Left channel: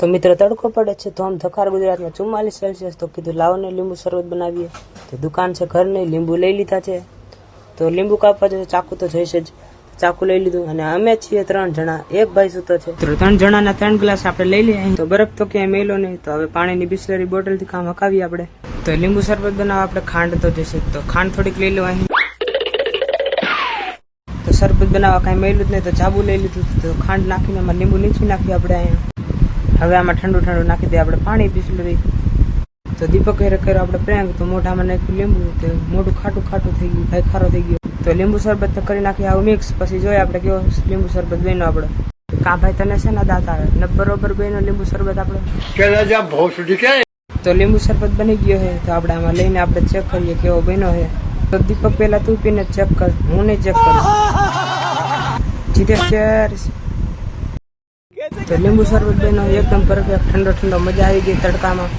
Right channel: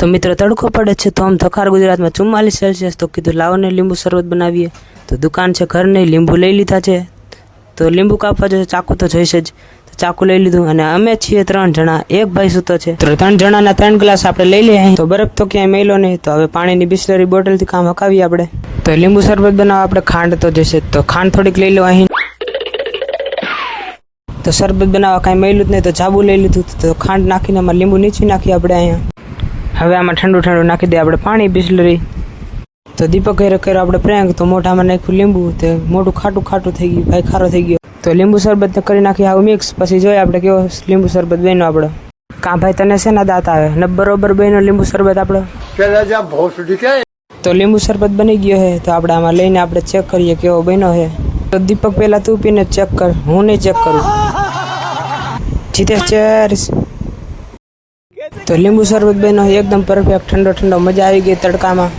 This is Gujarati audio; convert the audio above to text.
તો મિત્રો તડકો પડે છે તો આમ થખાર ગુજરાતમાં 44 સેલ્સિયસ તો કીધું લાવો ને લીંબુ શરબત બનાવીએ। તો દુકાન છે ઘર નહીં, લીંબુ લઈ લીધા છે। તો લીંબુ કાપવા જશે, ચાકુ તો જોઈશે જ, તો ચાકુ લઈ લીધું। અને અમે છીએ 3 જણા, એક ભાઈ સૂતો છે। તો 3 જણાના 3 ગ્લાસ આપણે લઈ લઈએ। તો બરફ તો ક્યાંય મેલો નહીં, તો હવે પાણીની બિસ્લરી બોટલથી કામ હકાવીએ આપણે। તો લીંબુ શરબત બનાવવા આપણે ખાંડ તો જશે, તો ખાંડ થોડીક લઈ લો અહીં। તો શરબત બનાવવા કાંઈ મેલું જ નહીં, તો જાબુ લઈ લીધું। તો ખાંડ નાખીને આમાં લીંબુ નીચવી નાખીએ આપણે અહીંયા। હવે આમાં ઠંડુ નાખી દે આપણે પાણી બિસ્લરી। તો દીપક કર્યો આપણે પ્રેંક, તો મોઢામાં નાખ્યું લીંબુ, તે મોઢું ખાટું થઈ ગયું, ભાઈ ખારો થઈ ગયો। તો લીંબુ શરબત કરી નાખી આવું મિક્સ, પછી જોઈએ આપણે કેવો લીંબુ શરબત બન્યો આપણો। કાં ભાઈ તને શેના દાંત આવે ને? બરોબર બન્યો લીંબુ શરબત આપણો। તો લીંબુ શરબત બની ગયો છે, તો આપણે આમાં લઈને આપણે ચેક કરીએ કેવો બન્યો છે। તો દીપક પહેલા તું પીને ચેક કર, હું નહીં ચેક કરું। જીતેશ ચેર્સ। તો લીંબુ શરબત બન્યો એકદમ પરફેક્ટ, ઠંડો મજા આવી ગઈ તડકામાં।